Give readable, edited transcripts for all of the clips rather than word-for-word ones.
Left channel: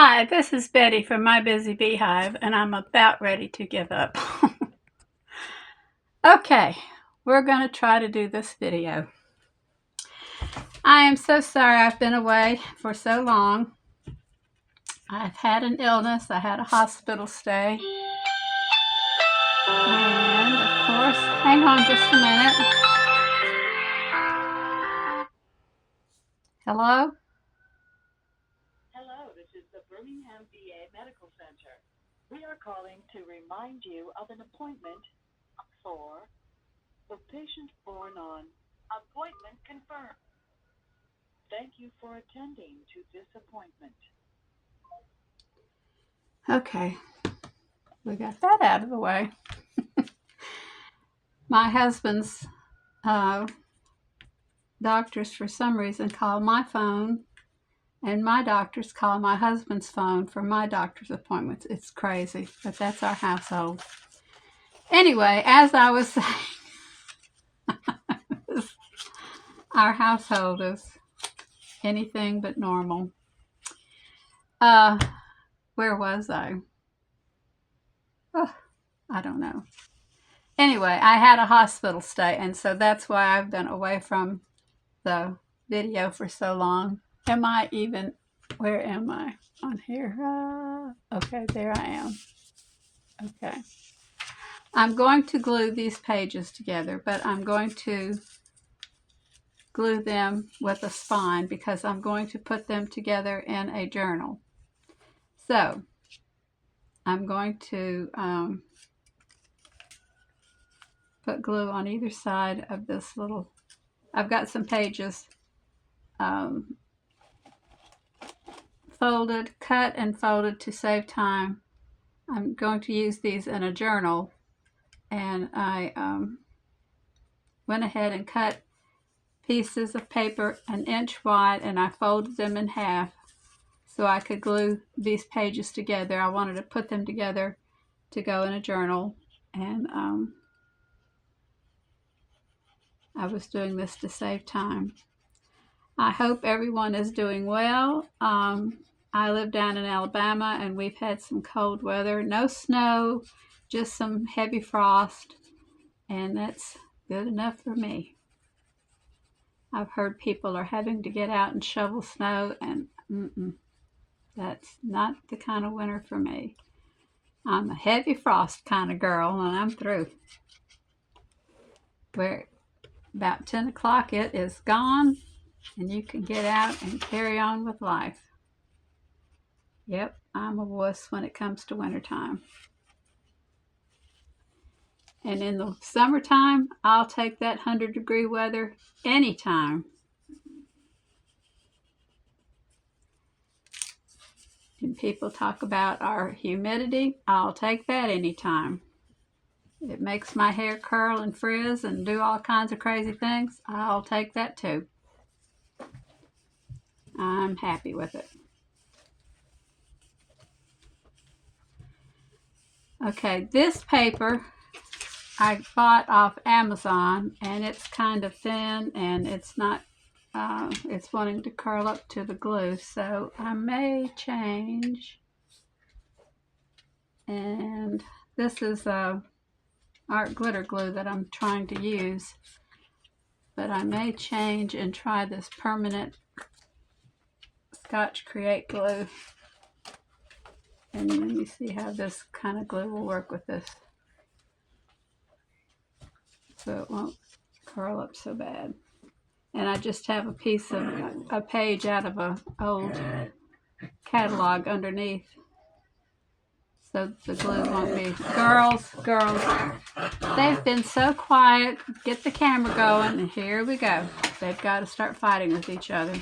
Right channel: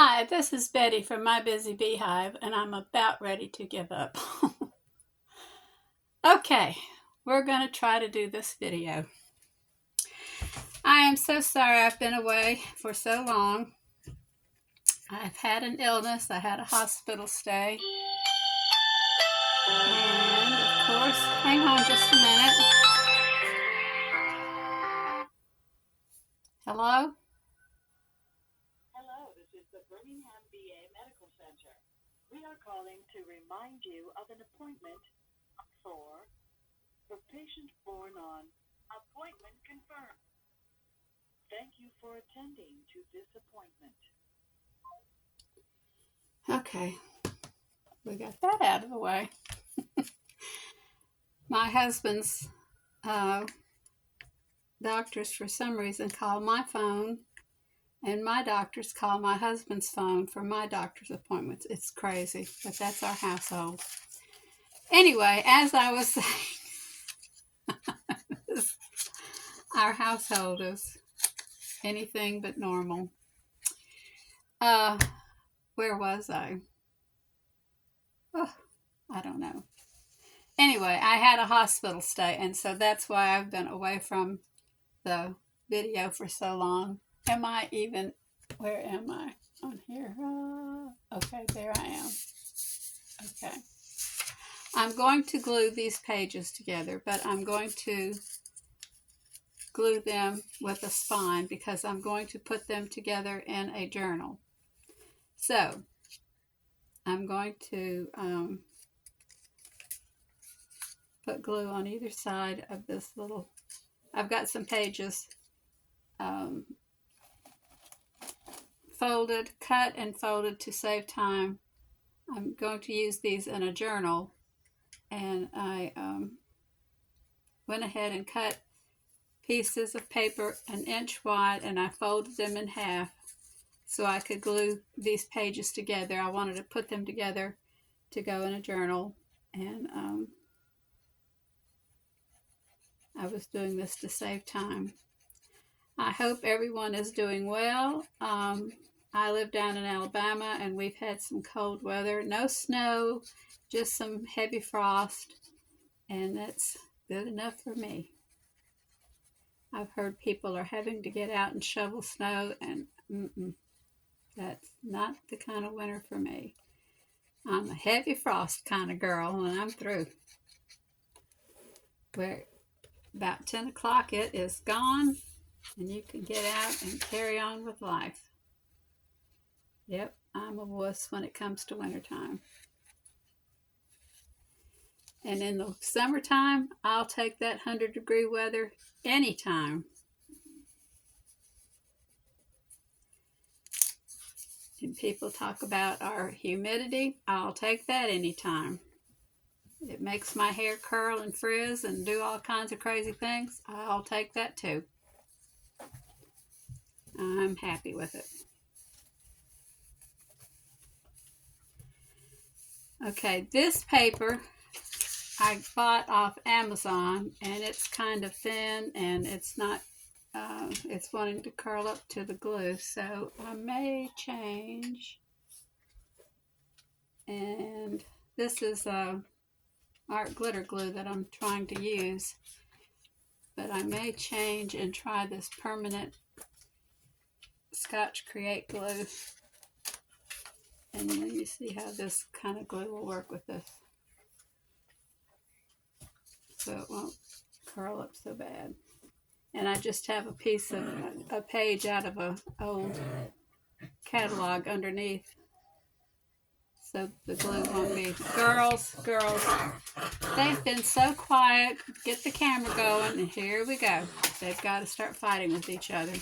Hi, this is Betty from My Busy Beehive, and I'm about ready to give up. Okay, we're going to try to do this video. I am so sorry I've been away for so long. I've had an illness. I had a hospital stay. And, of course, hang on just a minute. Hello? Hello, this is the Birmingham VA Medical Center. We are calling to remind you of an appointment for the patient born on appointment confirmed. Thank you for attending to this appointment. Okay, we got that out of the way. My husband's doctors, for some reason, call my phone, and my doctors call my husband's phone for my doctor's appointments. It's crazy, but that's our household. Anyway, as I was saying, our household is anything but normal. Where was I? Oh, I don't know. Anyway, I had a hospital stay, and so that's why I've been away from the video for so long. Where am I on here? Okay, there I am. Okay. I'm going to glue these pages together, but I'm going to glue them with a spine because I'm going to put them together in a journal. So I'm going to put glue on either side of this little, I've got some pages folded, cut and folded to save time. I'm going to use these in a journal, and I went ahead and cut pieces of paper 1 inch wide, and I folded them in half so I could glue these pages together. I wanted to put them together to go in a journal, and I was doing this to save time. I hope everyone is doing well. I live down in Alabama, and we've had some cold weather. No snow, just some heavy frost, and that's good enough for me. I've heard people are having to get out and shovel snow, and that's not the kind of winter for me. I'm a heavy frost kind of girl, and I'm through. Where about 10 o'clock it is gone, and you can get out and carry on with life. Yep, I'm a wuss when it comes to wintertime. And in the summertime, I'll take that 100-degree weather anytime. And people talk about our humidity. I'll take that anytime. It makes my hair curl and frizz and do all kinds of crazy things. I'll take that too. I'm happy with it. Okay, this paper I bought off Amazon, and it's kind of thin, and it's not, it's wanting to curl up to the glue, so I may change. And this is art glitter glue that I'm trying to use, but I may change and try this permanent Scotch Create glue. And let me see how this kind of glue will work with this, so it won't curl up so bad. And I just have a piece of a page out of an old catalog underneath, so the glue won't be. Girls, they've been so quiet. Get the camera going, and here we go. They've got to start fighting with each other.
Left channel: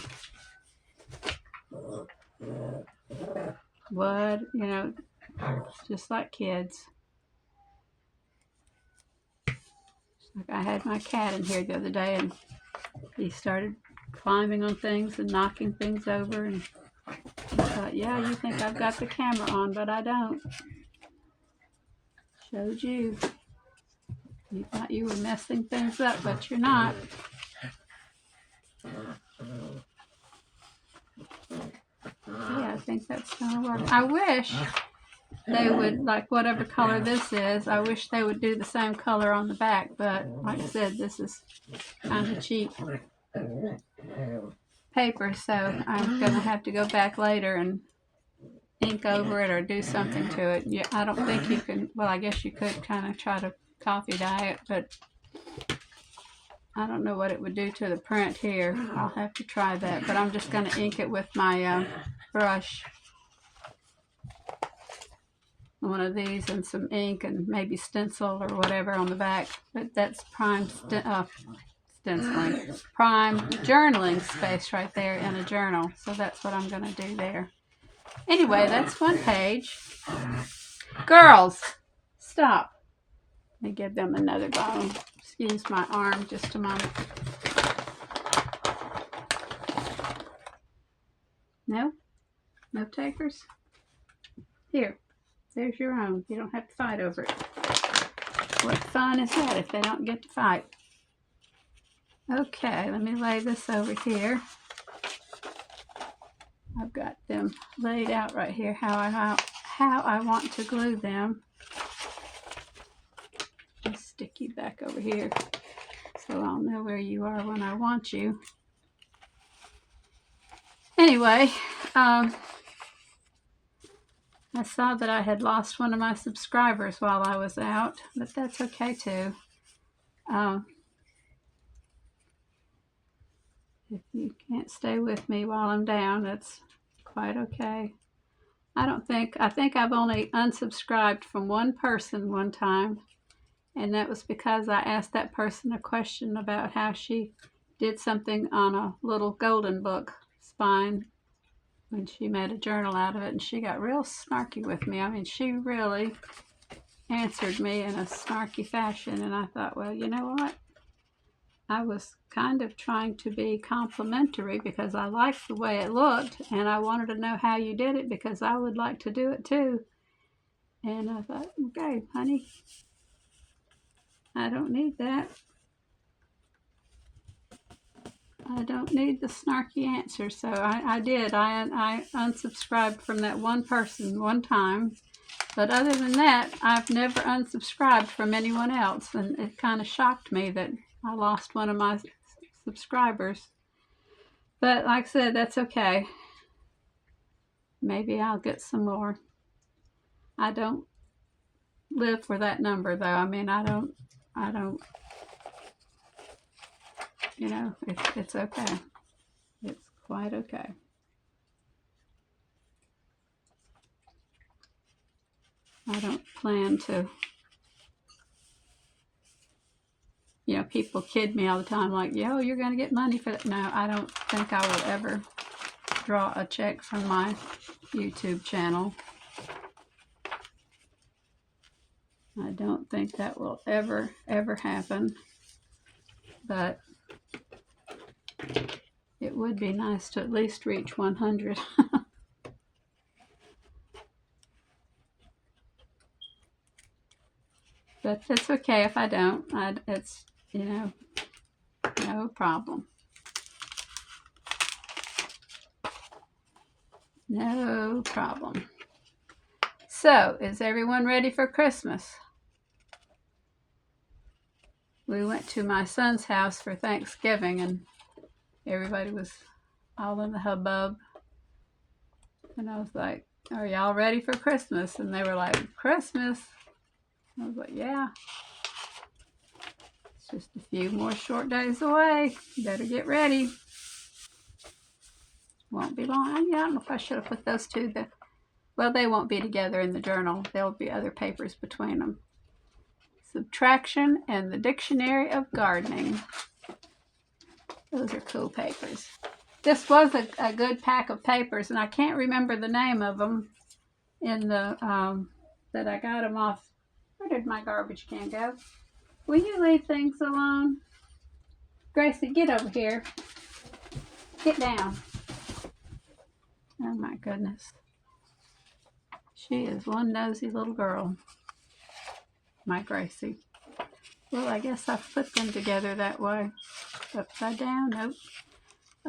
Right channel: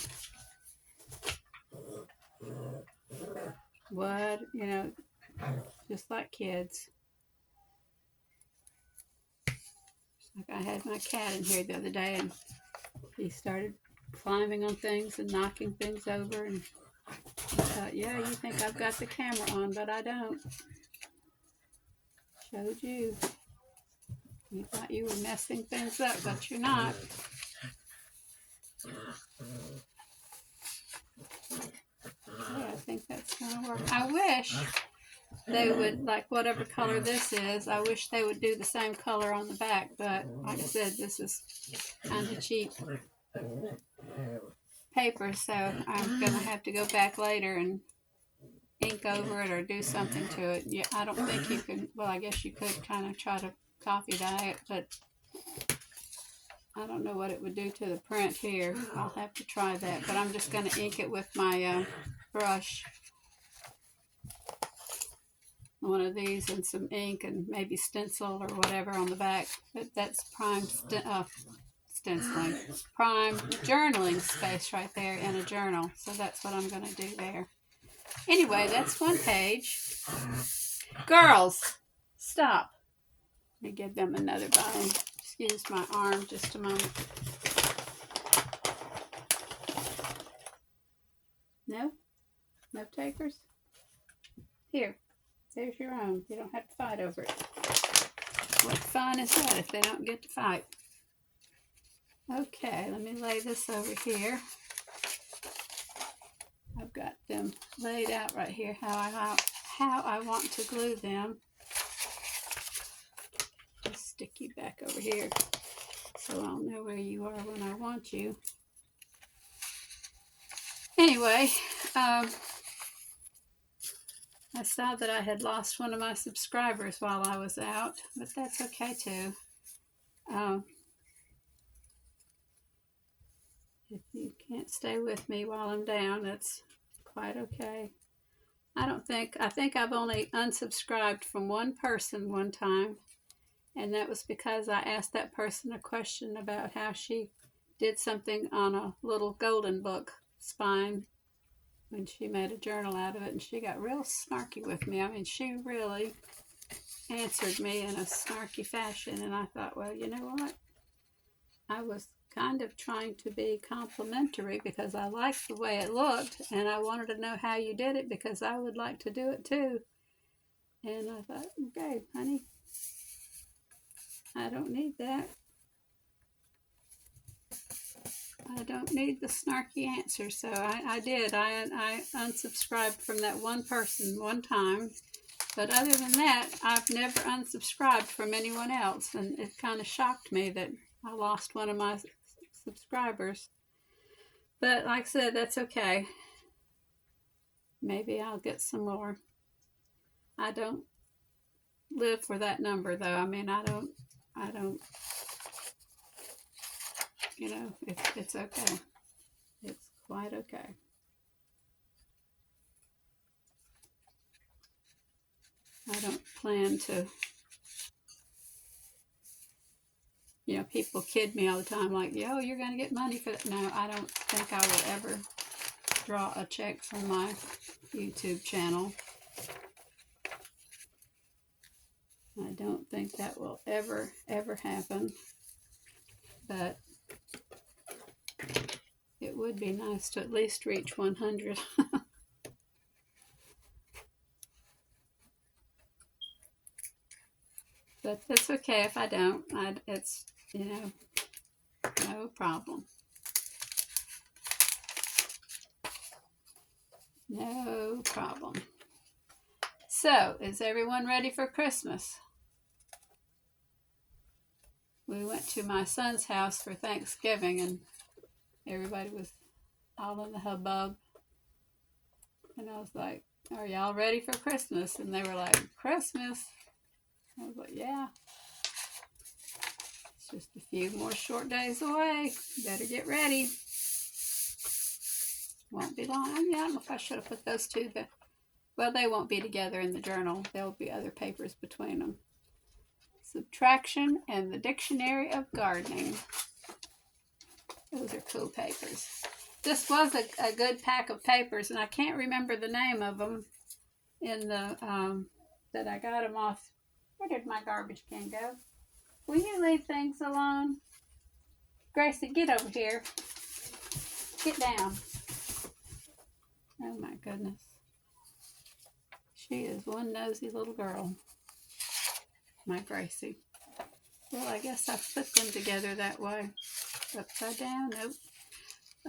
What, just like kids. Like I had my cat in here the other day, and he started climbing on things and knocking things over, and I thought, yeah, you think I've got the camera on, but I don't. Showed you. You thought you were messing things up, but you're not. Yeah, I think think that's going to work. I wish they would, like whatever color this is, I wish they would do the same color on the back, but like I said, this is kind of cheap paper, so I'm going to have to go back later and ink over it or do something to it. Yeah, I don't think you can, well, I guess you could kind of try to coffee dye it, but I don't know what it would do to the print here. I'll have to try that, but I'm just going to ink it with my brush. One of these and some ink and maybe stencil or whatever on the back, but that's prime stenciling, prime journaling space right there in a journal, so that's what I'm going to do there. Anyway, that's one page. Girls, stop. Let me give them another bottle. Excuse my arm just a moment. No? No takers? Here. There's your own. You don't have to fight over it. What fun is that if they don't get to fight? Okay, let me lay this over here. I've got them laid out right here how I want to glue them. I'll stick you back over here so I'll know where you are when I want you. Anyway, I saw that I had lost one of my subscribers while I was out, but that's okay too. If you can't stay with me while I'm down, that's quite okay. I think I've only unsubscribed from one person one time, and that was because I asked that person a question about how she did something on a little golden book spine when she made a journal out of it, and she got real snarky with me. I mean, she really answered me in a snarky fashion, and I thought, well, you know what? I was kind of trying to be complimentary because I liked the way it looked, and I wanted to know how you did it because I would like to do it too. And I thought, okay, honey, I don't need that. I don't need the snarky answer. So I did. I unsubscribed from that one person one time. But other than that, I've never unsubscribed from anyone else. And it kind of shocked me that I lost one of my subscribers. But like I said, that's okay. Maybe I'll get some more. I don't live for that number, though. I mean, I don't, you know, it's okay. It's quite okay. I don't plan to, you know, people kid me all the time like, yo, you're going to get money for that. No, I don't think I will ever draw a check from my YouTube channel. I don't think that will ever happen. But it would be nice to at least reach 100. But that's okay if I don't. It's, you know, no problem. No problem. So, is everyone ready for Christmas? We went to my son's house for Thanksgiving, and everybody was all in the hubbub. And I was like, are y'all ready for Christmas? And they were like, Christmas? I was like, yeah. It's just a few more short days away. Better get ready. Won't be long. Yeah, I don't know if I should have put those two. Well, they won't be together in the journal. There'll be other papers between them. Subtraction and the Dictionary of Gardening. Those are cool papers. This was a good pack of papers, and I can't remember the name of them in the that I got them off. Where did my garbage can go? Will you leave things alone? Gracie, get over here. Get down. Oh my goodness. She is one nosy little girl. My Gracie. Well, I guess I put them together that way. Upside down? Nope.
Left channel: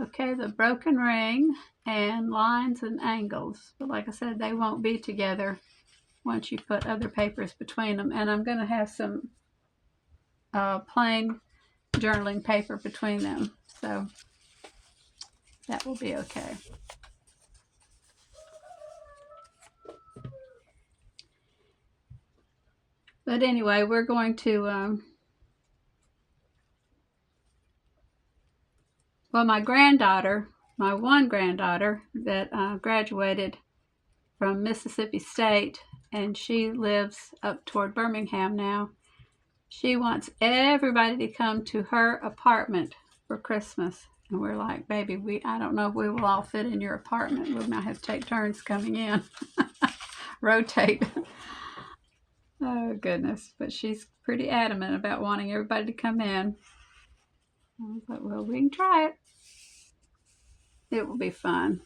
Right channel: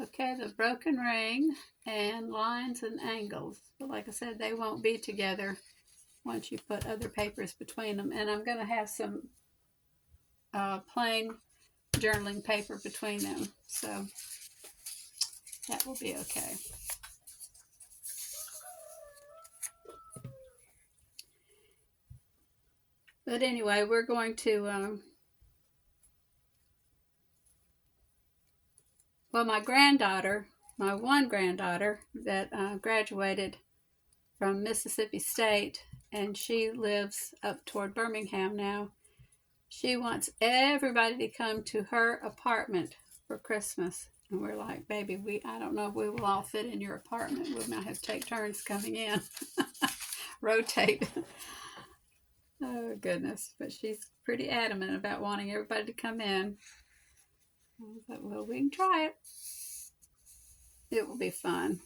Okay, the broken ring and lines and angles. But like I said, they won't be together once you put other papers between them. And I'm going to have some plain journaling paper between them. So that will be okay. But anyway, we're going to, well, my one granddaughter that graduated from Mississippi State, and she lives up toward Birmingham now. She wants everybody to come to her apartment for Christmas. And we're like, baby, I don't know if we will all fit in your apartment. We might have to take turns coming in, rotate. Oh, goodness. But she's pretty adamant about wanting everybody to come in. I was like, well, we can try it. It will be fun.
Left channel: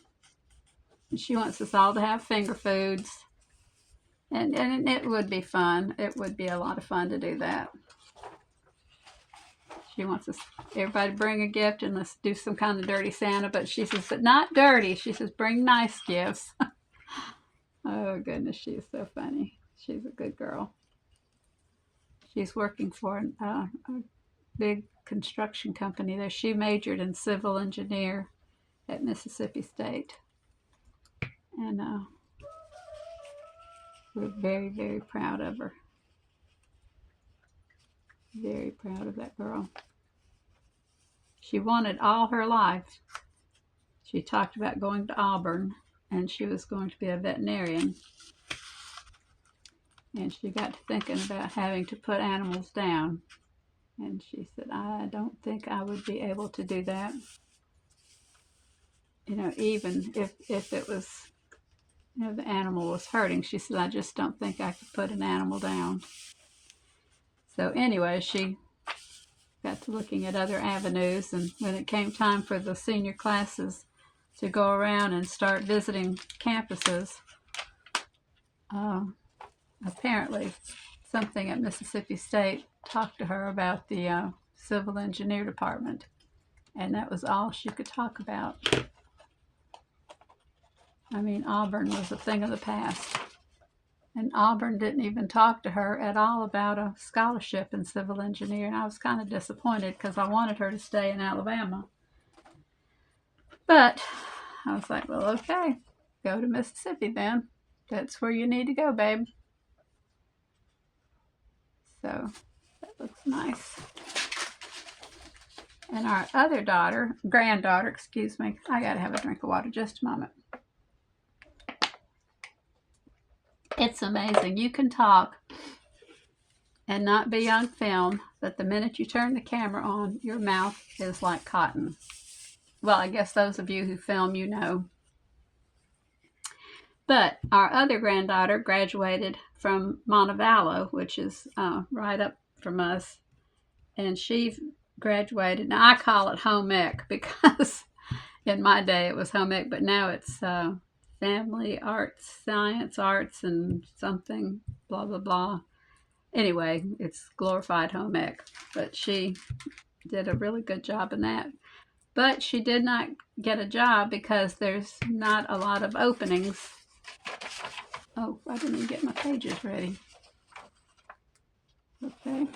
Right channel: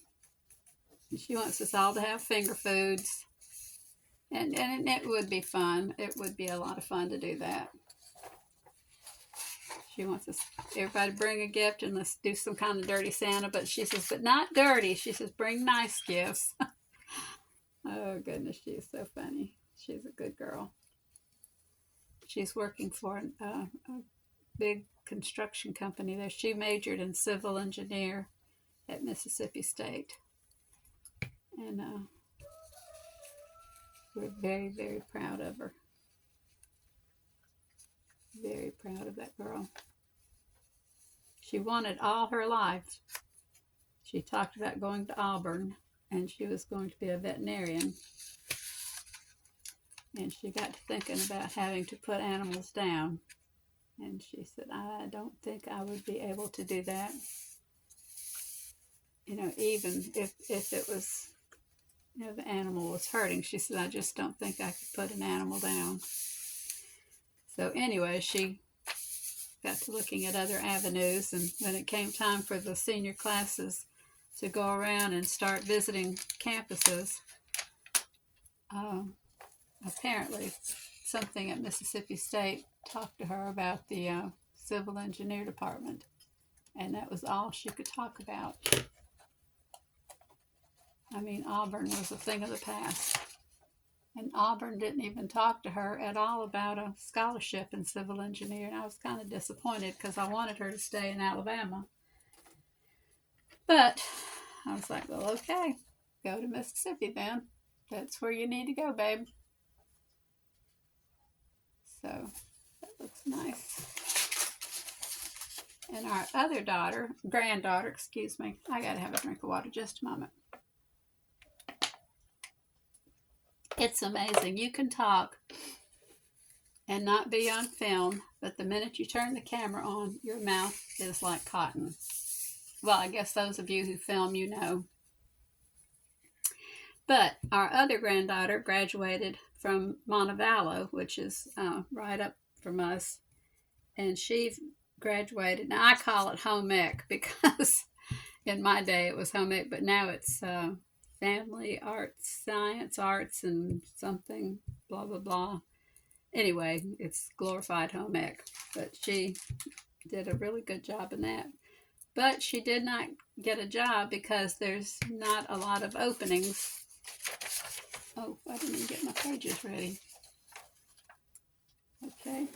And she wants us all to have finger foods. And it would be fun. It would be a lot of fun to do that. She wants us, everybody bring a gift and let's do some kind of dirty Santa. But she says, but not dirty. She says, bring nice gifts. Oh, goodness. She is so funny. She's a good girl. She's working for a big construction company there. She majored in civil engineer at Mississippi State. And we're very, very proud of her. Very proud of that girl. She wanted all her life. She talked about going to Auburn, and she was going to be a veterinarian. And she got to thinking about having to put animals down. And she said, I don't think I would be able to do that. You know, even if it was, you know, the animal was hurting. She said, I just don't think I could put an animal down. So anyway, she got to looking at other avenues, and when it came time for the senior classes to go around and start visiting campuses, apparently something at Mississippi State talked to her about the civil engineer department, and that was all she could talk about. I mean, Auburn was a thing of the past, and Auburn didn't even talk to her at all about a scholarship in civil engineering. I was kind of disappointed because I wanted her to stay in Alabama. But I was like, well, okay, go to Mississippi then. That's where you need to go, babe. So that looks nice. And our other granddaughter, excuse me, I gotta have a drink of water, just a moment. It's amazing. You can talk and not be on film, but the minute you turn the camera on, your mouth is like cotton. Well, I guess those of you who film, you know. But our other granddaughter graduated from Montevallo, which is right up from us, and she graduated. Now I call it home ec because in my day it was home ec, but now it's family arts, science arts, and something blah blah blah. Anyway, it's glorified home ec, but she did a really good job in that. But she did not get a job because there's not a lot of openings. Oh, I didn't even get my pages ready. Okay.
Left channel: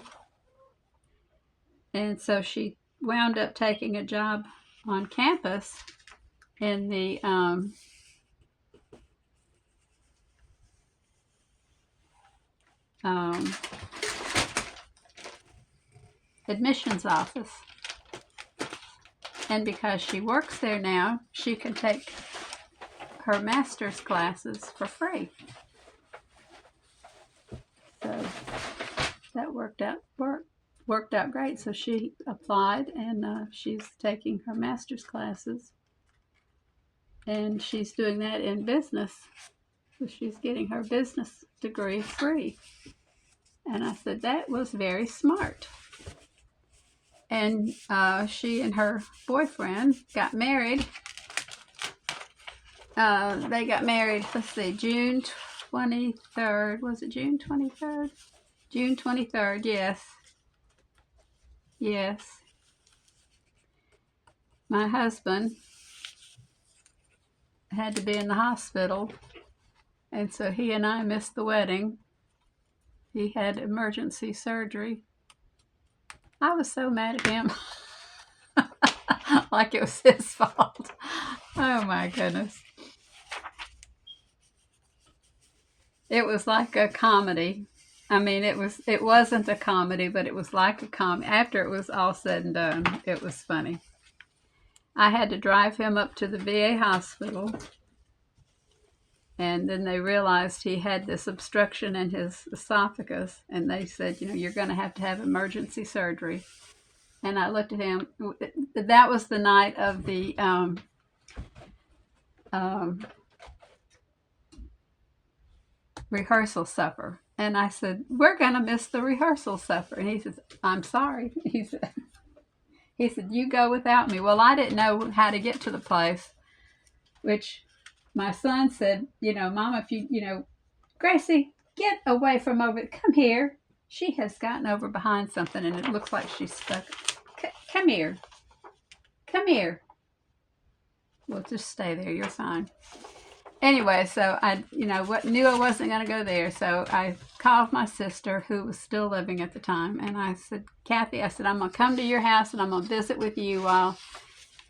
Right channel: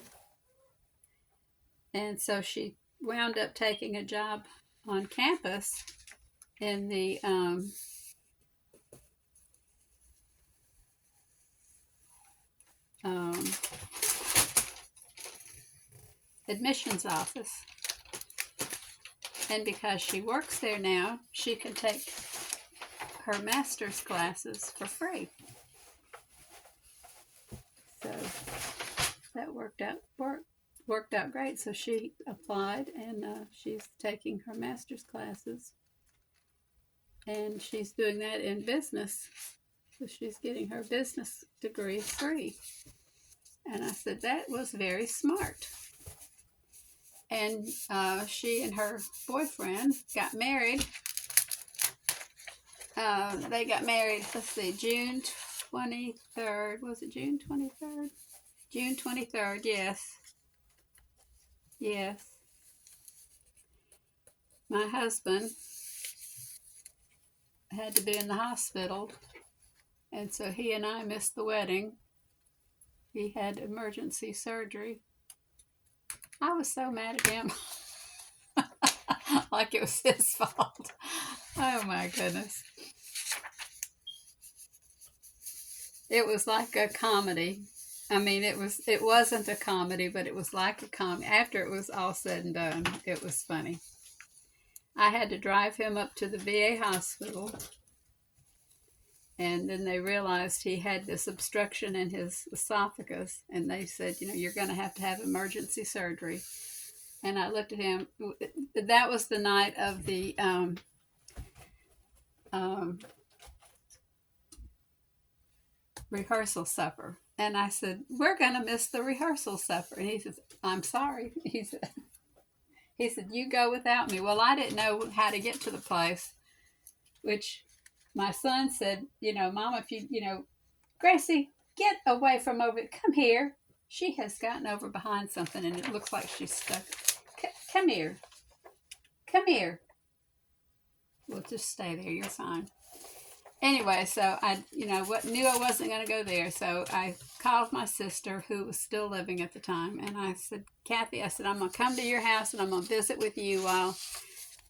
And so she wound up taking a job on campus in the admissions office. And because she works there now, she can take her master's classes for free. So that worked out great. So she applied, and she's taking her master's classes, and she's doing that in business. So she's getting her business degree free. And I said, that was very smart. And she and her boyfriend got married. They got married, let's see, June 23rd. Was it June 23rd? June 23rd, yes. Yes. my husband had to be in the hospital, and so he and I missed the wedding. He had emergency surgery. I was so mad at him. Like it was his fault. Oh my goodness. It was like a comedy. I mean, it wasn't a comedy, but it was like a comedy. After it was all said and done, it was funny. I had to drive him up to the VA hospital, and then they realized he had this obstruction in his esophagus, and they said, you're going to have emergency surgery. And I looked at him. That was the night of the um, rehearsal supper. And I said, we're going to miss the rehearsal supper. And he says, I'm sorry. He said, you go without me. Well, I didn't know how to get to the place, which my son said, Mom, if Gracie, get away from over. Come here. She has gotten over behind something, and it looks like she's stuck. Come here. Come here. Well, just stay there. You're fine. Anyway, so I, knew I wasn't going to go there. So I called my sister, who was still living at the time, and I said, Kathy, I'm going to come to your house and I'm going to visit with you while,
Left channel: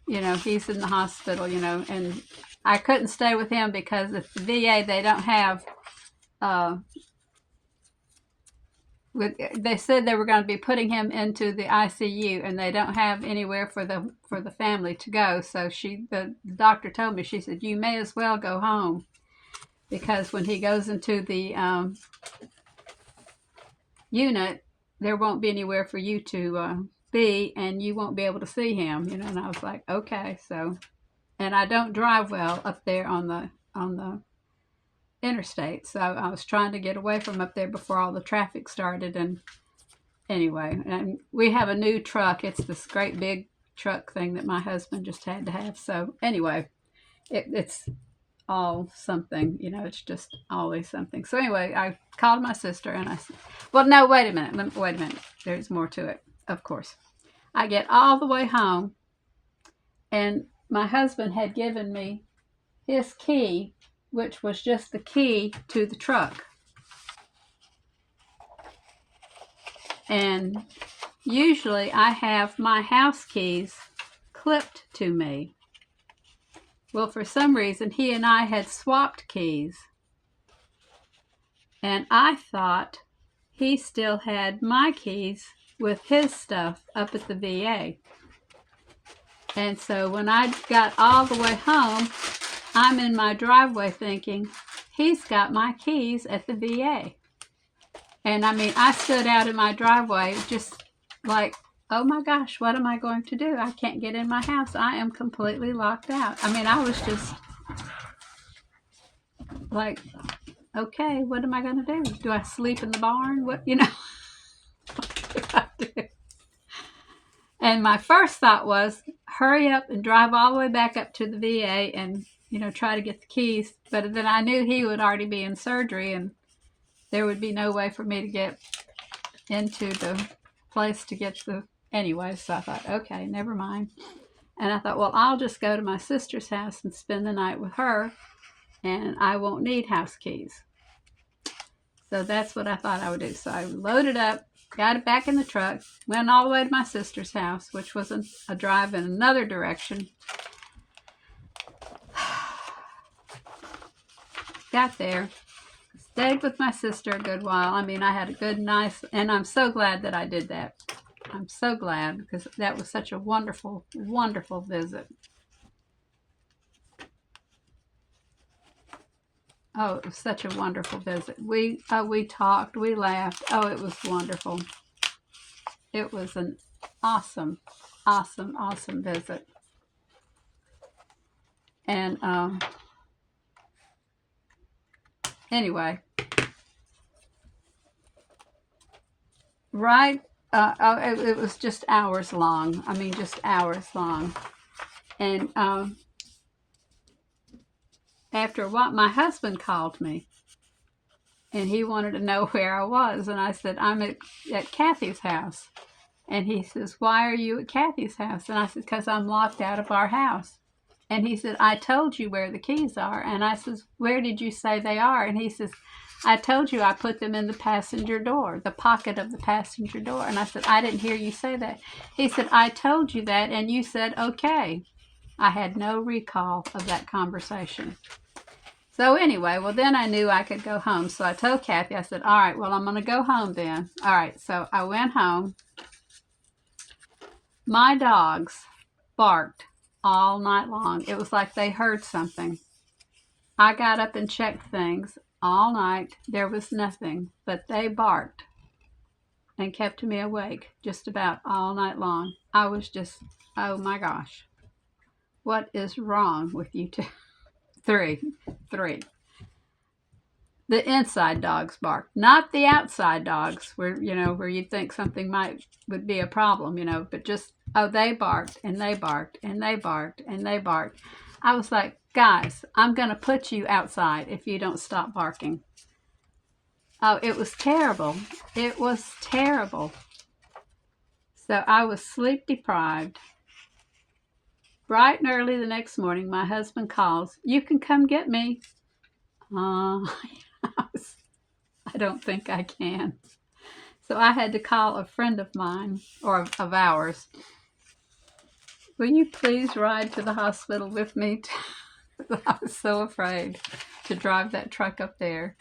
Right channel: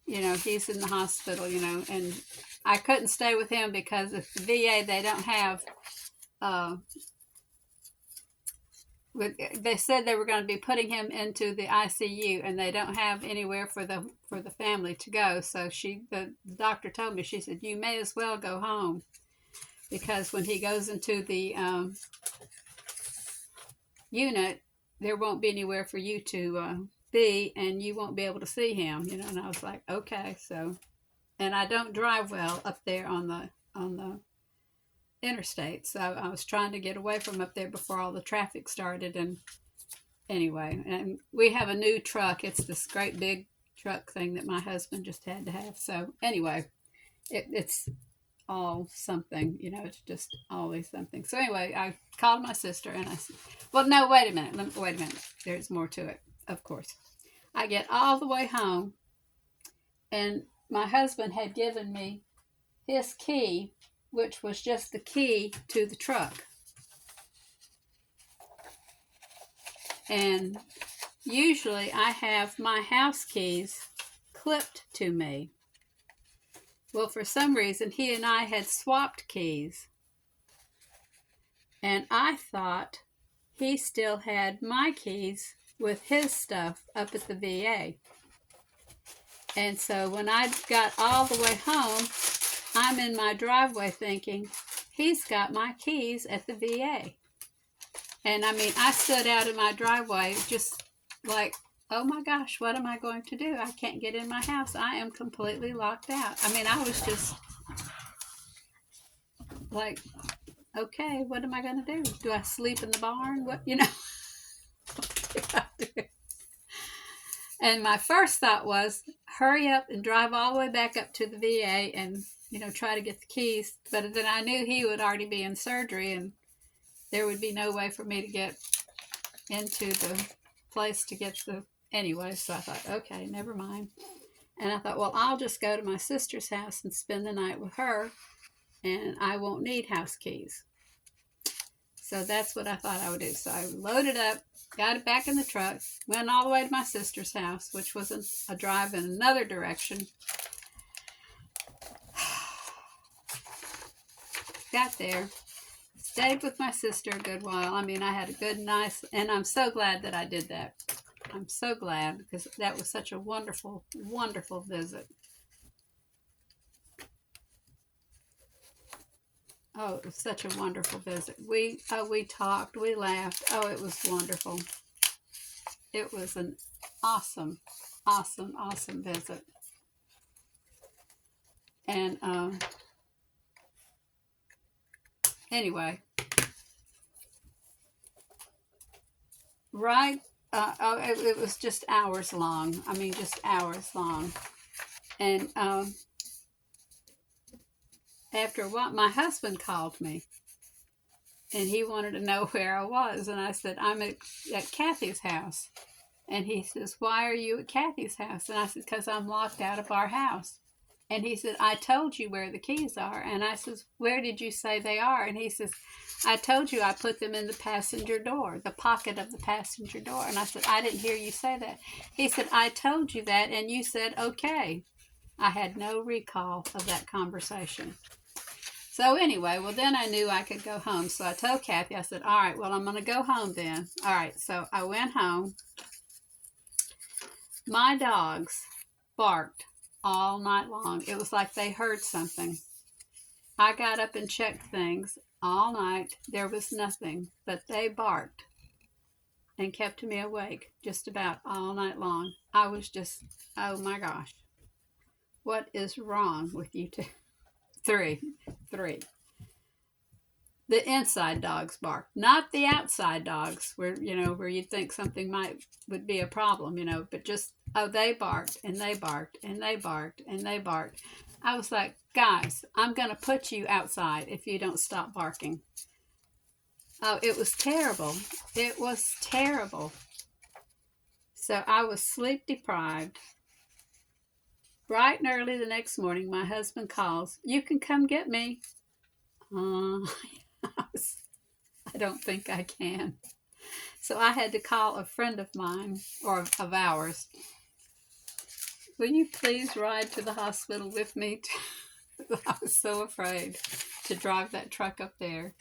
he's in the hospital, and I couldn't stay with him because at the VA, they don't have, they said they were going to be putting him into the ICU, and they don't have anywhere for the family to go. So the doctor told me, she said, you may as well go home, because when he goes into the unit, there won't be anywhere for you to be, and you won't be able to see him. And I was like, okay. So, and I don't drive well up there on the interstate, so I was trying to get away from up there before all the traffic started. And anyway, and we have a new truck. It's this great big truck thing that my husband just had to have. So anyway, it's all something, it's just always something. So anyway, I called my sister and I said, well, no, wait a minute. There's more to it. Of course, I get all the way home, and my husband had given me his key, which was just the key to the truck. And usually I have my house keys clipped to me. Well, for some reason, he and I had swapped keys. And I thought he still had my keys with his stuff up at the VA. And so when I got all the way home, I'm in my driveway thinking, he's got my keys at the VA. And I mean, I stood out in my driveway just like, oh my gosh, what am I going to do? I can't get in my house. I am completely locked out. I mean, I was just like, okay, what am I going to do? Do I sleep in the barn? What do I do? And my first thought was, hurry up and drive all the way back up to the VA and, try to get the keys. But then I knew he would already be in surgery, and there would be no way for me to get into the place to get anyway. So I thought, okay, never mind. And I thought, well, I'll just go to my sister's house and spend the night with her, and I won't need house keys. So that's what I thought I would do. So I loaded up, got it back in the truck, went all the way to my sister's house, which was a drive in another direction. Got there, stayed with my sister a good while. I mean, I had a good, nice, and I'm so glad that I did that. I'm so glad, because that was such a wonderful, wonderful visit. Oh, it was such a wonderful visit. We talked, we laughed. Oh, it was wonderful. It was an awesome, awesome, awesome visit. And anyway, right? It was just hours long. I mean, just hours long. And after a while, my husband called me, and he wanted to know where I was. And I said, I'm at Kathy's house. And he says, "Why are you at Kathy's house?" And I said, "Because I'm locked out of our house." And he said, "I told you where the keys are." And I says, "Where did you say they are?" And he says, "I told you I put them in the passenger door, the pocket of the passenger door." And I said, "I didn't hear you say that." He said, "I told you that, and you said okay." I had no recall of that conversation. So anyway, well, then I knew I could go home. So I told Kathy, I said, "All right, well, I'm going to go home then." All right, so I went home. My dogs barked all night long. It was like they heard something. I got up and checked things all night. There was nothing, but they barked and kept me awake just about all night long. I was just, oh my gosh, what is wrong with you two? Three. The inside dogs bark, not the outside dogs, where where you'd think something would be a problem, but just they barked and they barked and they barked and they barked. I was like, guys, I'm gonna put you outside if you don't stop barking. Oh, it was terrible. It was terrible. So I was sleep deprived. Bright and early the next morning, my husband calls, "You can come get me." Uh, I don't think I can. So I had to call a friend of mine, or of ours. "Will you please ride to the hospital with me?" I was so afraid to drive that truck up there.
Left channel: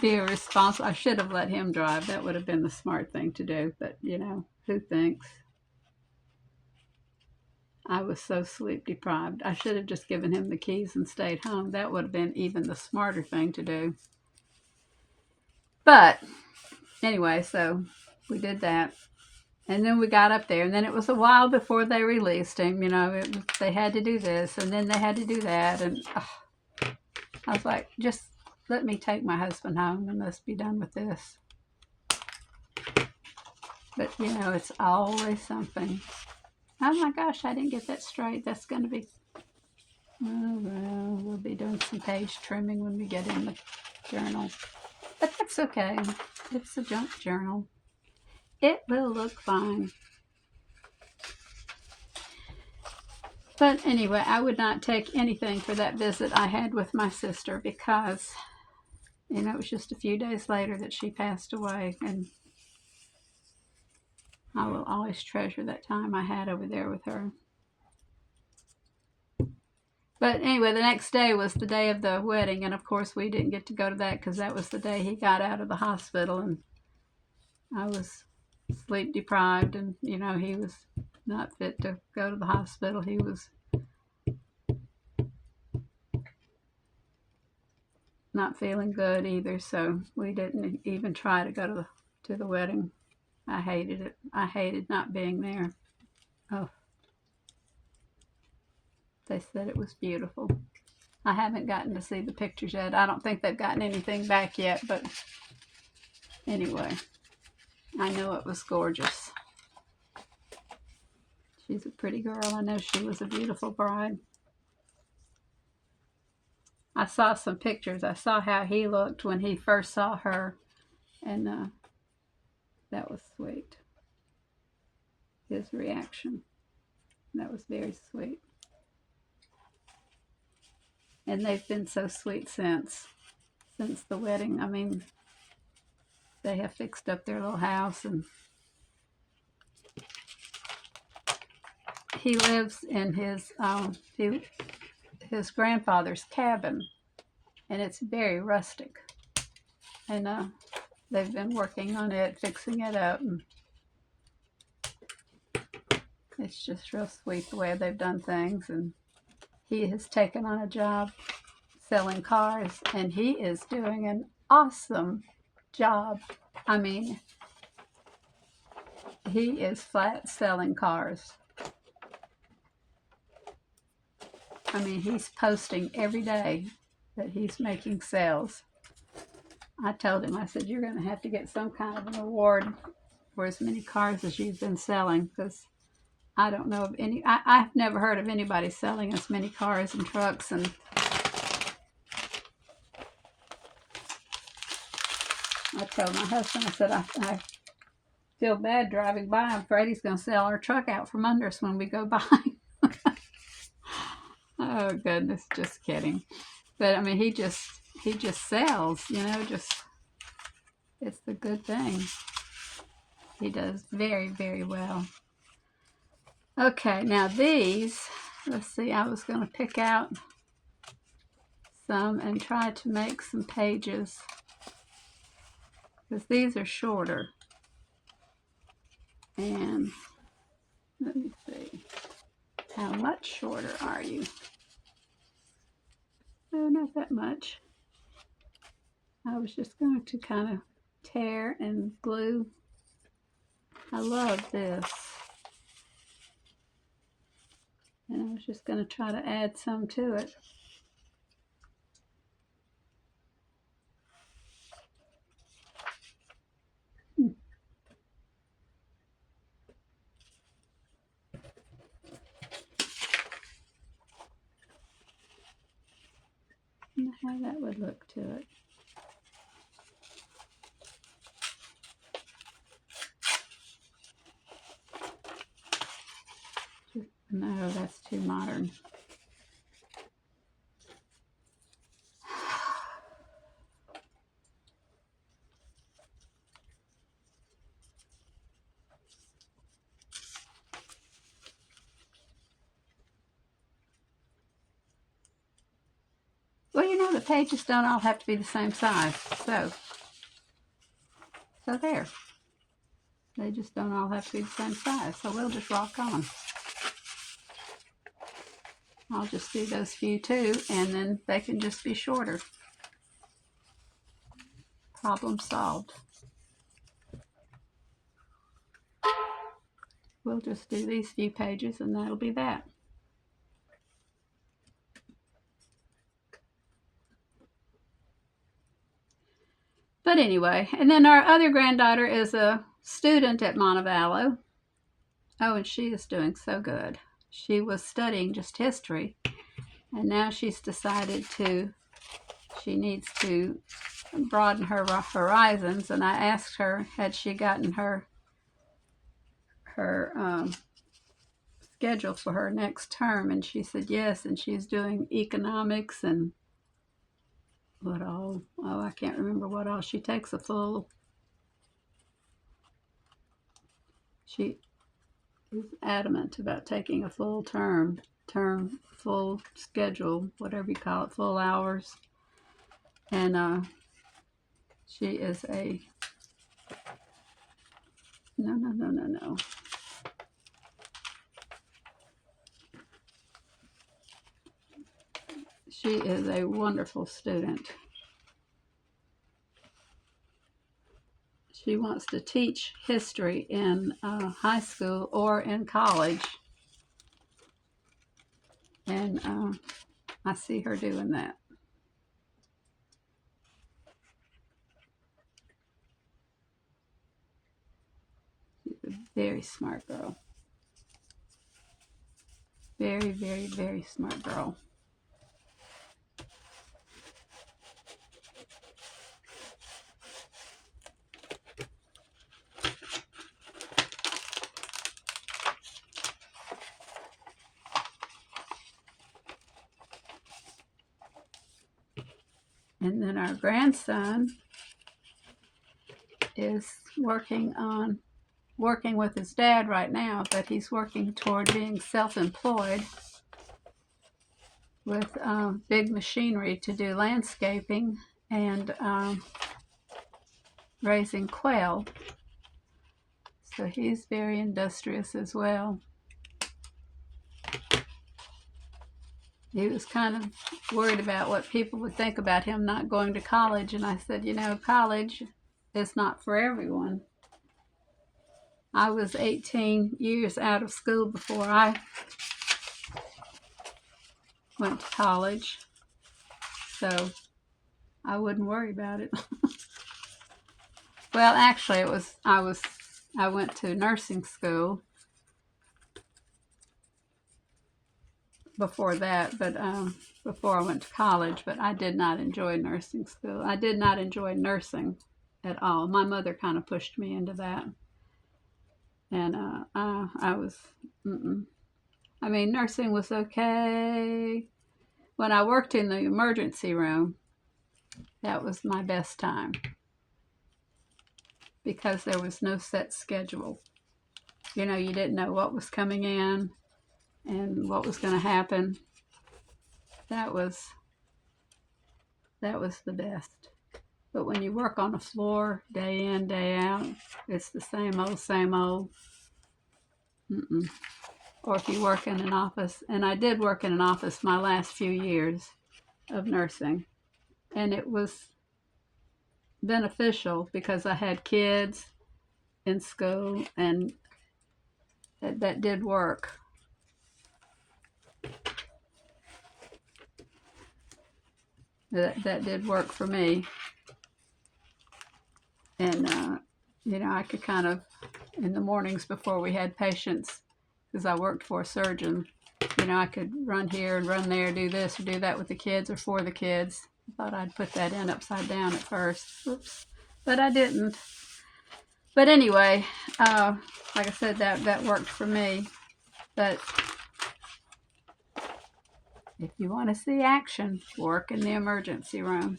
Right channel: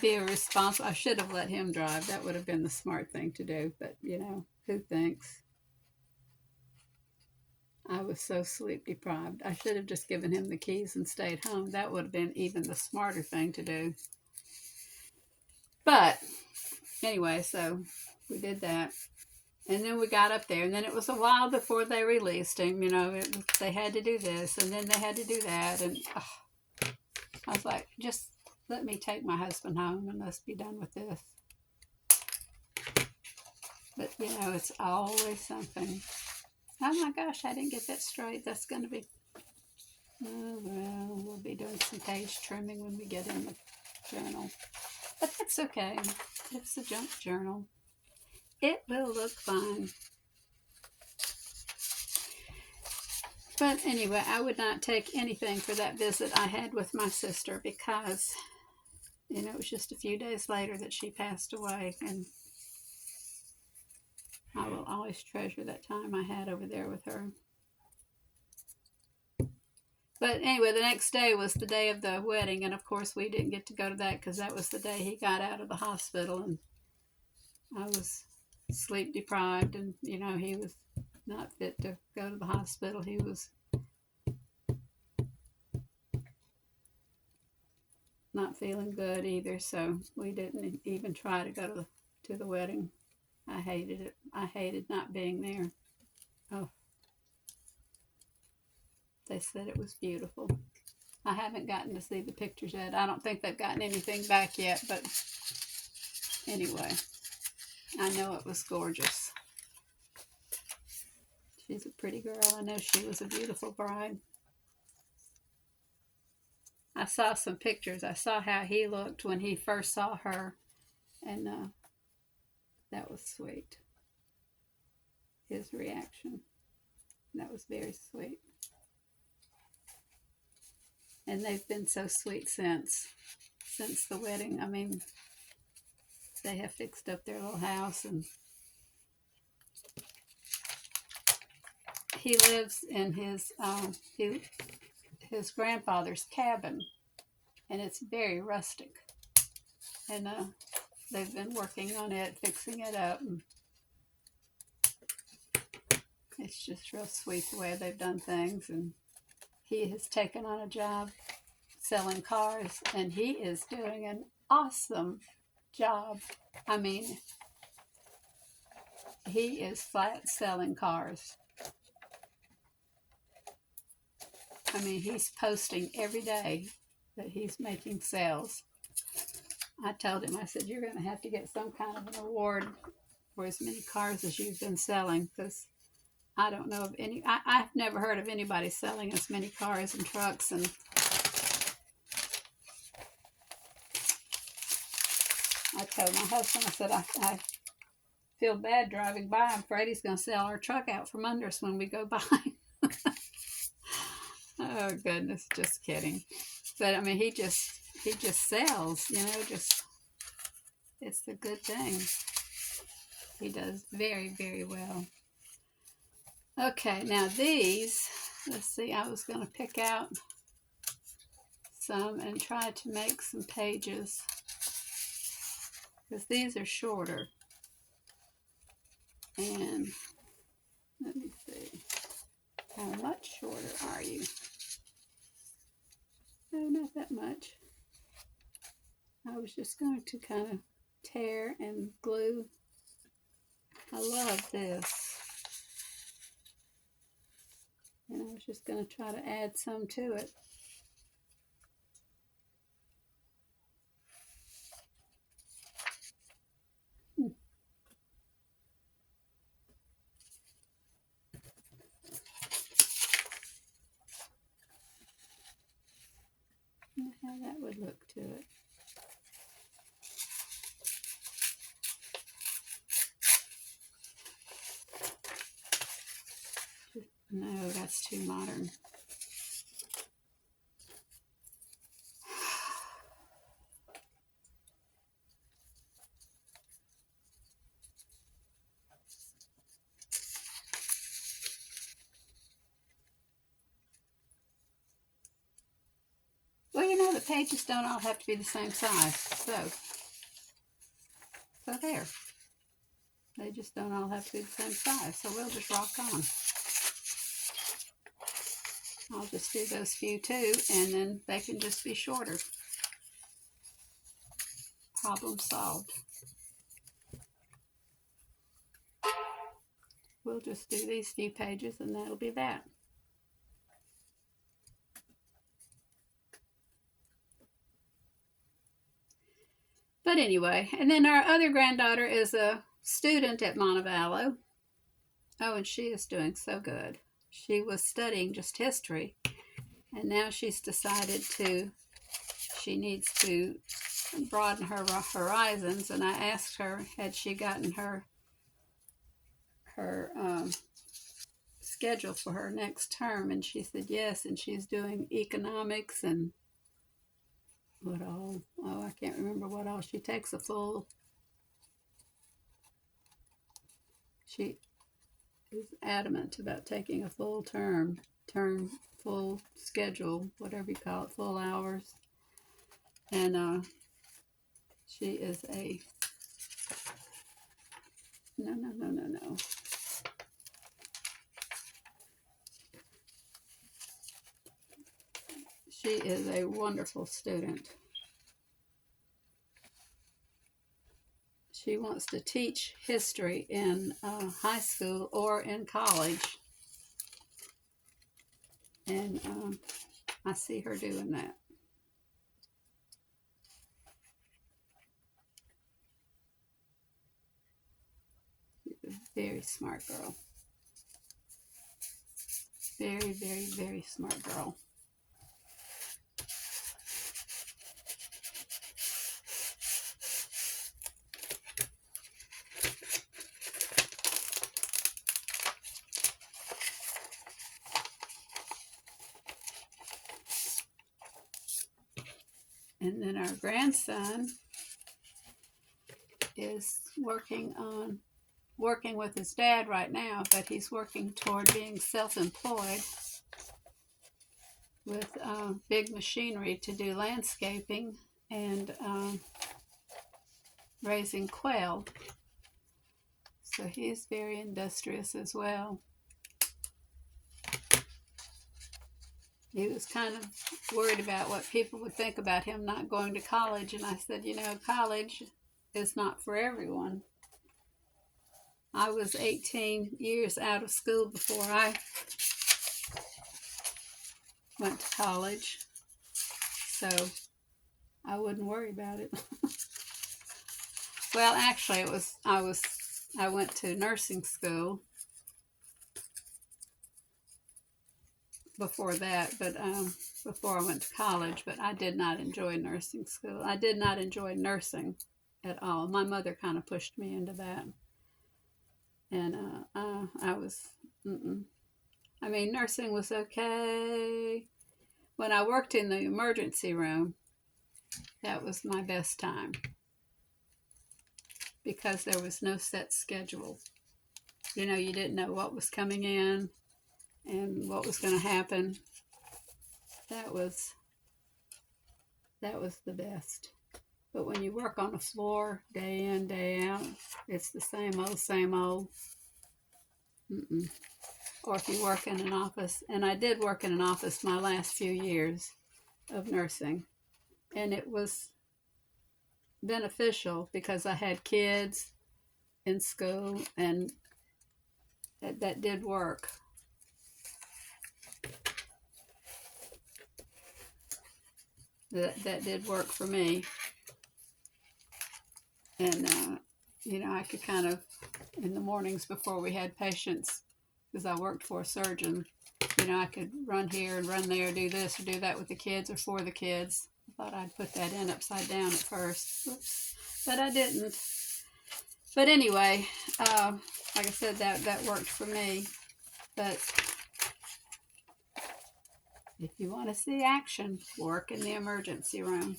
Be irresponsible. I should have let him drive. That would have been the smart thing to do. But, who thinks? I was so sleep deprived. I should have just given him the keys and stayed home. That would have been even the smarter thing to do. But anyway, so we did that. And then we got up there, and then it was a while before they released him. They had to do this, and then they had to do that. And I was like, just let me take my husband home and let's be done with this. But, it's always something. Oh my gosh, I didn't get that straight. That's going to be, oh, well, we'll be doing some page trimming when we get in the journal. But that's okay. It's a junk journal. It will look fine. But anyway, I would not take anything for that visit I had with my sister because, it was just a few days later that she passed away. And I will always treasure that time I had over there with her. But anyway, the next day was the day of the wedding. And of course, we didn't get to go to that because that was the day he got out of the hospital. And I was sleep deprived. And, he was not fit to go to the hospital. He was not feeling good either. So we didn't even try to go to the wedding. I hated it. I hated not being there. Oh, they said it was beautiful. I haven't gotten to see the pictures yet. I don't think they've gotten anything back yet, but anyway, I know it was gorgeous. She's a pretty girl. I know she was a beautiful bride. I saw some pictures. I saw how he looked when he first saw her, and that was sweet. His reaction. That was very sweet. And they've been so sweet since the wedding. I mean, they have fixed up their little house, and he lives in his grandfather's cabin, and it's very rustic. And they've been working on it, fixing it up, and it's just real sweet the way they've done things. And he has taken on a job selling cars, and he is doing an awesome job. I mean, he is flat selling cars. I mean, he's posting every day that he's making sales. I told him, I said, "You're going to have to get some kind of an award for as many cars as you've been selling, because I don't know of any, I've never heard of anybody selling as many cars and trucks." And I told my husband, I said, feel bad driving by. I'm afraid he's going to sell our truck out from under us when we go by. Oh goodness, just kidding. But I mean, he just sells, just it's the good thing. He does very, very well. Okay, now these, let's see, I was going to pick out some and try to make some pages because these are shorter. And let me see, how much shorter are you? Oh, not that much. I was just going to kind of tear and glue. I love this. And I was just going to try to add some to it. How that would look to it. No, that's too modern. Well, the pages don't all have to be the same size. So there. They just don't all have to be the same size. So we'll just rock on. I'll just do those few too, and then they can just be shorter. Problem solved. We'll just do these few pages and that'll be that. But anyway, and then our other granddaughter is a student at Montevallo. Oh, and she is doing so good. She was studying just history, and now she's decided she needs to broaden her horizons. And I asked her, had she gotten her schedule for her next term, and she said yes, and she's doing economics and what all, I can't remember what all. She takes a full, she is adamant about taking a full term, full schedule, whatever you call it, full hours. And she is a, no. She is a wonderful student. She wants to teach history in high school or in college. And I see her doing that. She's a very smart girl. Very, very, very smart girl. And then our grandson is working with his dad right now, but he's working toward being self-employed with big machinery to do landscaping and raising quail. So he's very industrious as well. He was kind of worried about what people would think about him not going to college, and I said, college is not for everyone. I was 18 years out of school before I went to college, so I wouldn't worry about it. Well, actually, I went to nursing school before that, but before I went to college, but I did not enjoy nursing school. I did not enjoy nursing at all. My mother kind of pushed me into that. And I was, I mean, nursing was okay. When I worked in the emergency room, that was my best time because there was no set schedule. You know, you didn't know what was coming in and what was going to happen. That was the best. But when you work on the floor day in, day out, it's the same old, same old. Mm-mm. Or if you work in an office, and I did work in an office my last few years of nursing, and it was beneficial because I had kids in school, and that did work. That did work for me, and you know, I could kind of in the mornings before we had patients, because I worked for a surgeon. You know, I could run here and run there, do this or do that with the kids or for the kids. I thought I'd put that in upside down at first. Oops. But I didn't. But anyway, like I said, that worked for me. But if you want to see action, work in the emergency room.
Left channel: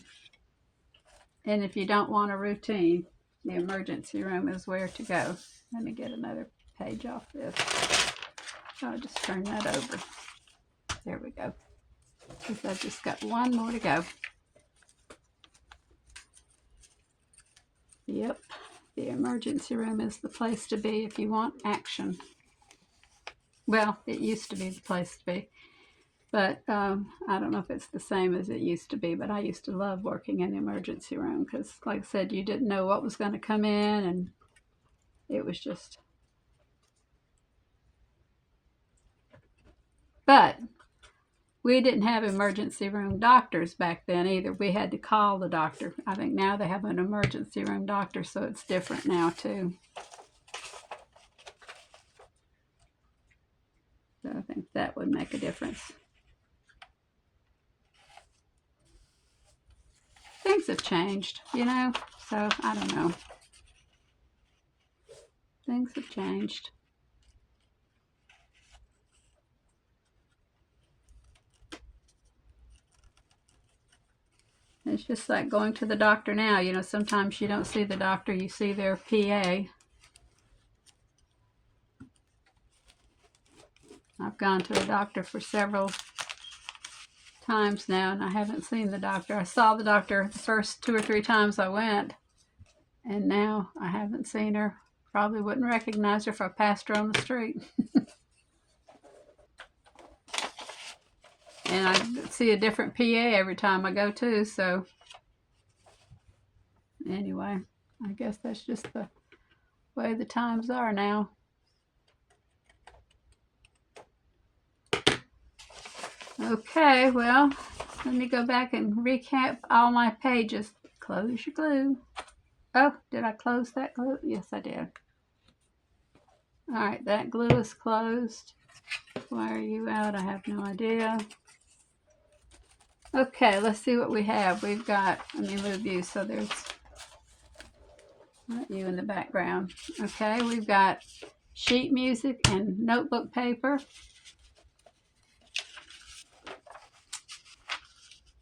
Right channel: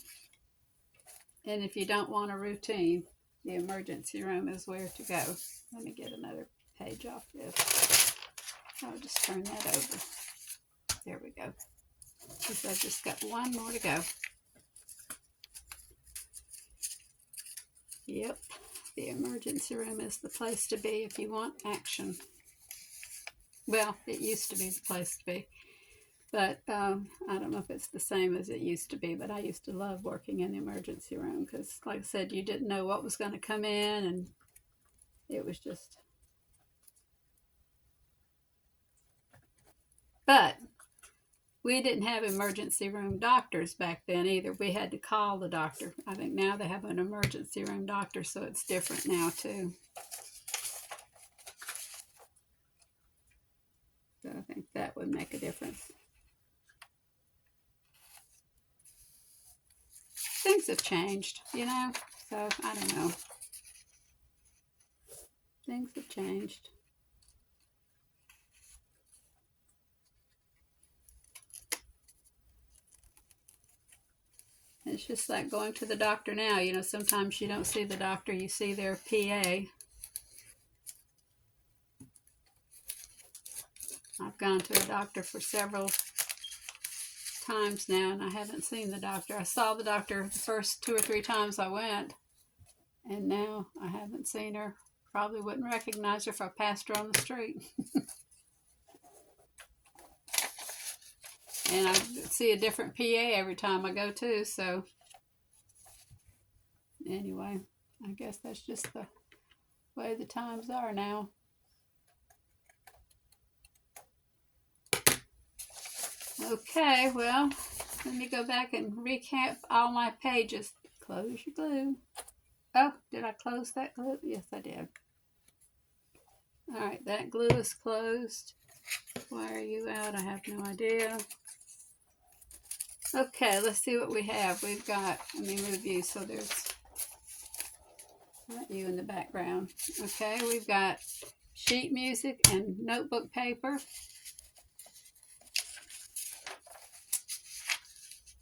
And if you don't want a routine, the emergency room is where to go. Let me get another page off this. I'll just turn that over. There we go. Because I've just got one more to go. Yep, the emergency room is the place to be if you want action. Well, it used to be the place to be. But I don't know if it's the same as it used to be, but I used to love working in the emergency room because, like I said, you didn't know what was going to come in, and it was just. But we didn't have emergency room doctors back then either. We had to call the doctor. I think now they have an emergency room doctor, so it's different now too. So I think that would make a difference. Things have changed, you know, so I don't know. Things have changed. It's just like going to the doctor now. You know, sometimes you don't see the doctor, you see their PA. I've gone to a doctor for several times now, and I haven't seen the doctor. I saw the doctor the first 2 or 3 times I went, and now I haven't seen her. Probably wouldn't recognize her if I passed her on the street. And I see a different PA every time I go too, so anyway, I guess that's just the way the times are now. Okay, well, let me go back and recap all my pages. Close your glue. Oh, did I close that glue? Yes, I did. All right, that glue is closed. Why are you out? I have no idea. Okay, let's see what we have. We've got, let me move you so there's not you in the background. Okay, we've got sheet music and notebook paper.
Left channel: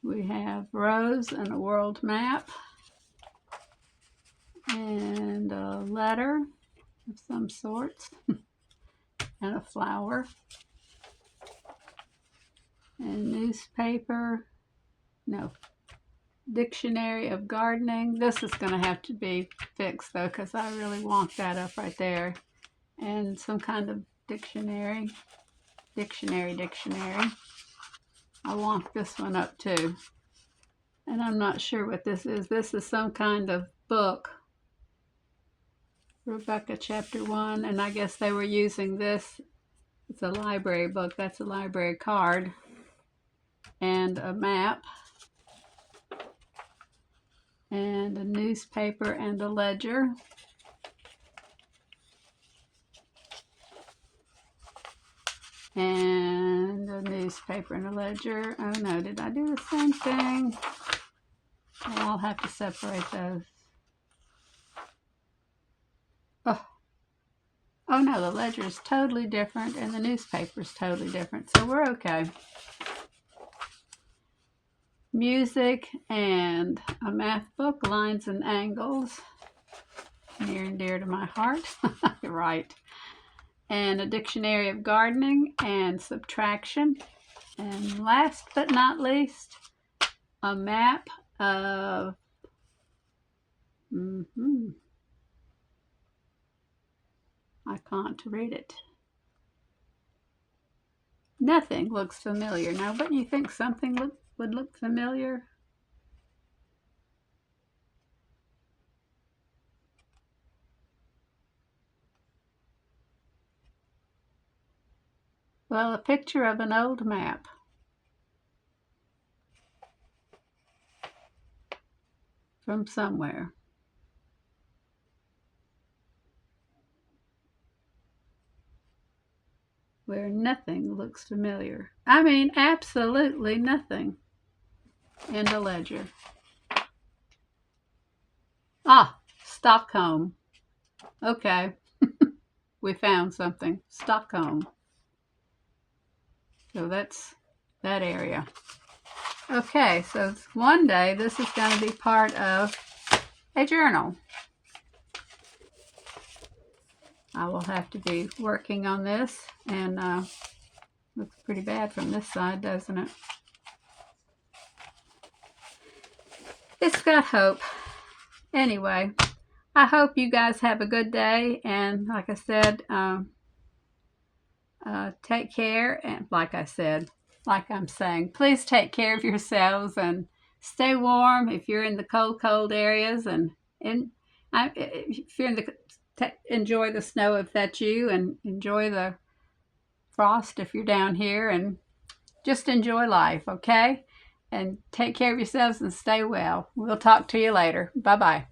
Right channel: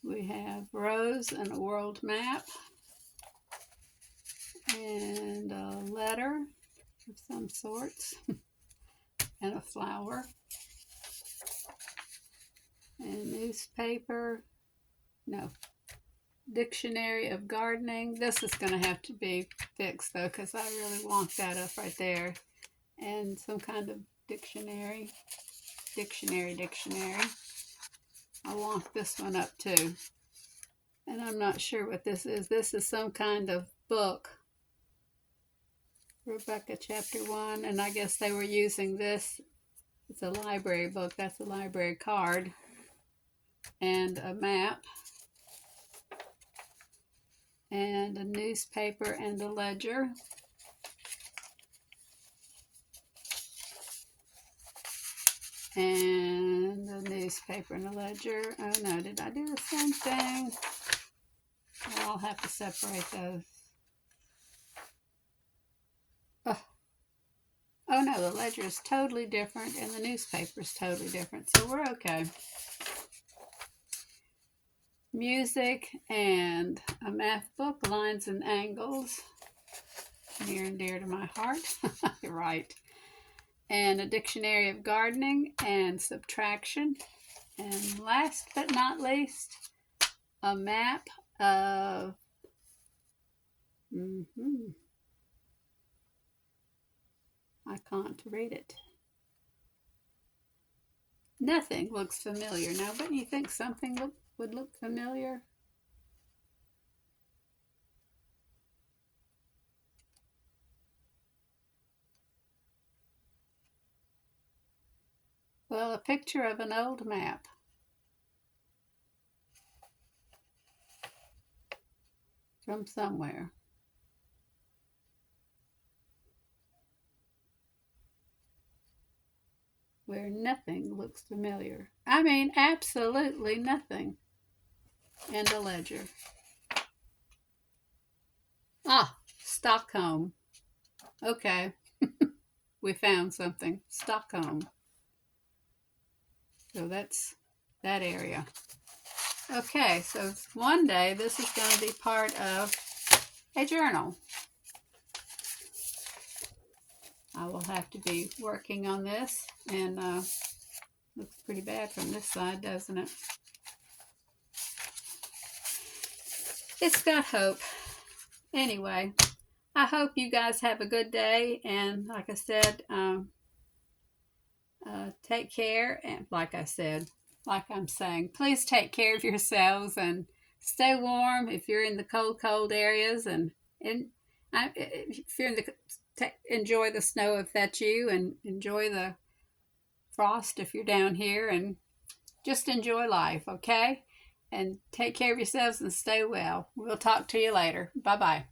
We have rose and a world map and a letter of some sorts and a flower and newspaper. No, dictionary of gardening. This is going to have to be fixed though because I really want that up right there. And some kind of dictionary. I want this one up too. And I'm not sure what this is. This is some kind of book. Rebecca chapter 1. And I guess they were using this. It's a library book. That's a library card. And a map. And a newspaper and a ledger. And a newspaper and a ledger. Oh no, did I do the same thing? Well, I'll have to separate those. Oh, Oh no, the ledger is totally different and the newspaper is totally different. So we're okay. Music and a math book, Lines and Angles, near and dear to my heart. Right. And a dictionary of gardening and subtraction. And last but not least, a map of I can't read it. Nothing looks familiar. Now, wouldn't you think something would look familiar? Well, a picture of an old map. From somewhere. Where nothing looks familiar. I mean, absolutely nothing. And a ledger. Ah, Stockholm. Okay. We found something. Stockholm. So that's that area. Okay, so one day this is going to be part of a journal. I will have to be working on this, and looks pretty bad from this side, doesn't it? It's got hope. Anyway, I hope you guys have a good day, and like I said, take care, and like I'm saying, please take care of yourselves and stay warm if you're in the cold areas, and if you're in enjoy the snow if that's you, and enjoy the frost if you're down here, and just enjoy life, okay? And take care of yourselves and stay well. We'll talk to you later. Bye-bye.